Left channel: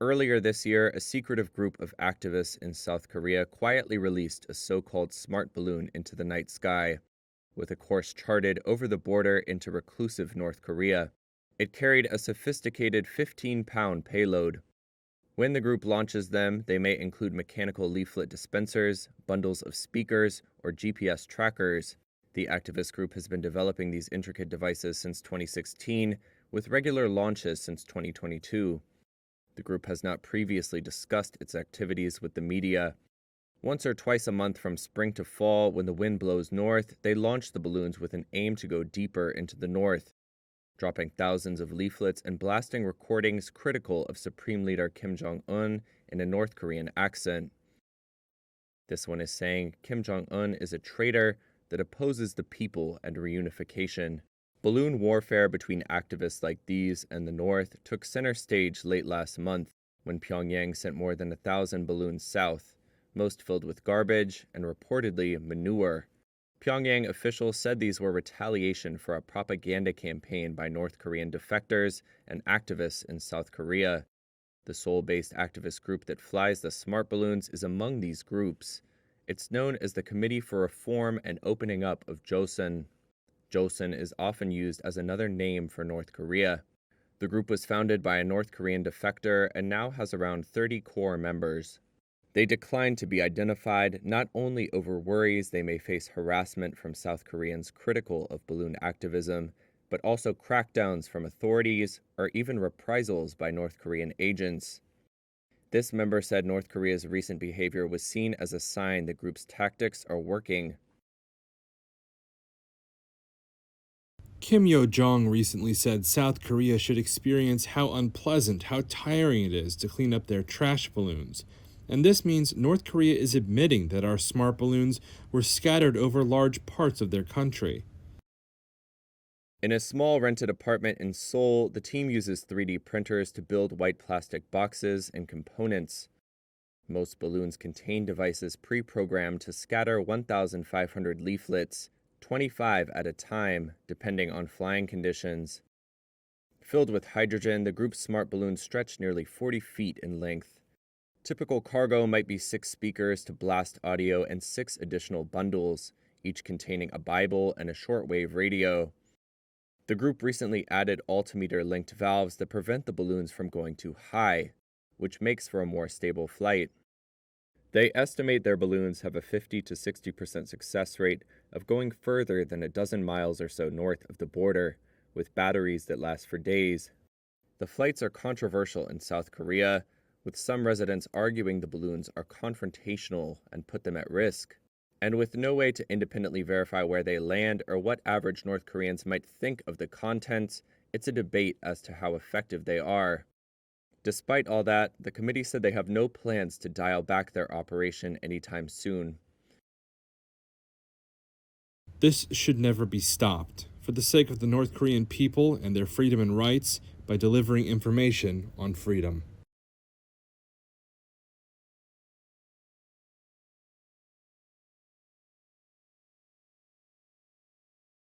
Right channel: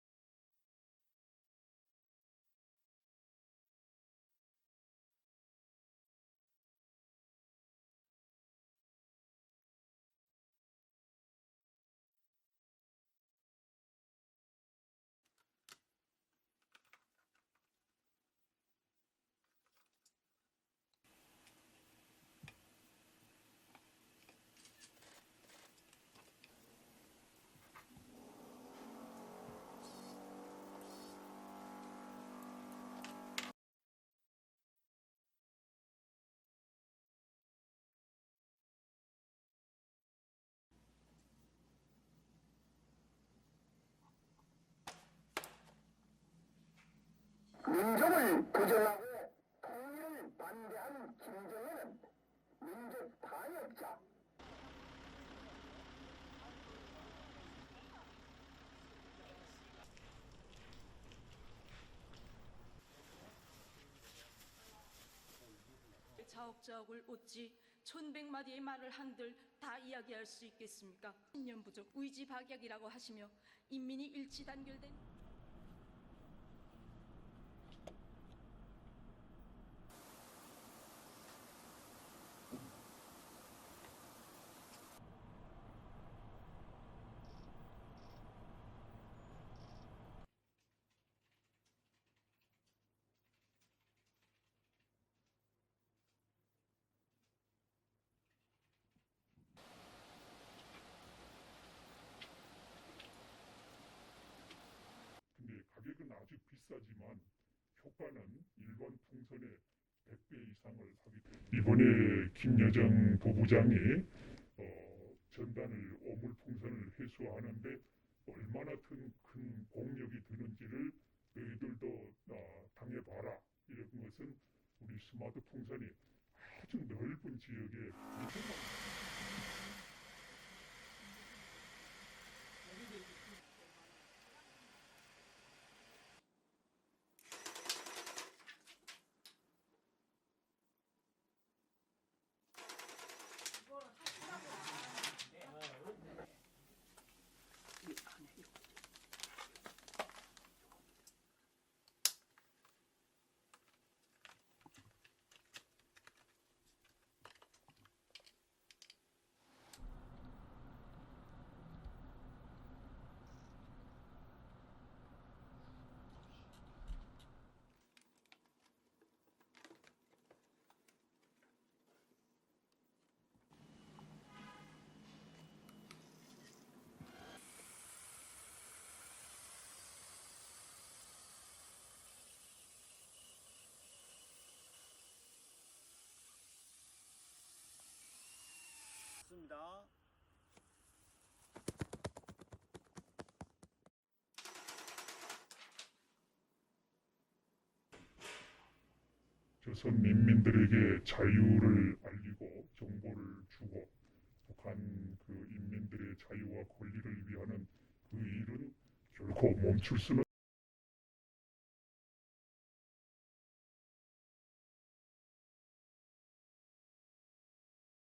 Earlier this year, a secretive group of activists in South Korea quietly released a so-called smart balloon into the night sky, with a course charted over the border into reclusive North Korea. It carried a sophisticated 15-pound payload. When the group launches them, they may include mechanical leaflet dispensers, bundles of speakers, or GPS trackers. The activist group has been developing these intricate devices since 2016, with regular launches since 2022. The group has not previously discussed its activities with the media. Once or twice a month from spring to fall, when the wind blows north, they launch the balloons with an aim to go deeper into the north, dropping thousands of leaflets and blasting recordings critical of Supreme Leader Kim Jong-un in a North Korean accent. This one is saying Kim Jong-un is a traitor that opposes the people and reunification. Balloon warfare between activists like these and the North took center stage late last month when Pyongyang sent more than 1,000 balloons south, most filled with garbage and reportedly manure. Pyongyang officials said these were retaliation for a propaganda campaign by North Korean defectors and activists in South Korea. The Seoul-based activist group that flies the smart balloons is among these groups. It's known as the Committee for Reform and Opening Up of Joseon. Joseon is often used as another name for North Korea. The group was founded by a North Korean defector and now has around 30 core members. They declined to be identified, not only over worries they may face harassment from South Koreans critical of balloon activism, but also crackdowns from authorities or even reprisals by North Korean agents. This member said North Korea's recent behavior was seen as a sign the group's tactics are working. Kim Yo-jong recently said South Korea should experience how unpleasant, how tiring it is to clean up their trash balloons. And this means North Korea is admitting that our smart balloons were scattered over large parts of their country. In a small rented apartment in Seoul, the team uses 3D printers to build white plastic boxes and components. Most balloons contain devices pre-programmed to scatter 1,500 leaflets, 25 at a time, depending on flying conditions. Filled with hydrogen, the group's smart balloons stretch nearly 40 feet in length. Typical cargo might be 6 speakers to blast audio and 6 additional bundles, each containing a Bible and a shortwave radio. The group recently added altimeter-linked valves that prevent the balloons from going too high, which makes for a more stable flight. They estimate their balloons have a 50 to 60% success rate of going further than a dozen miles or so north of the border, with batteries that last for days. The flights are controversial in South Korea, with some residents arguing the balloons are confrontational and put them at risk. And with no way to independently verify where they land or what average North Koreans might think of the contents, it's a debate as to how effective they are. Despite all that, the committee said they have no plans to dial back their operation anytime soon. This should never be stopped, for the sake of the North Korean people and their freedom and rights, by delivering information on freedom.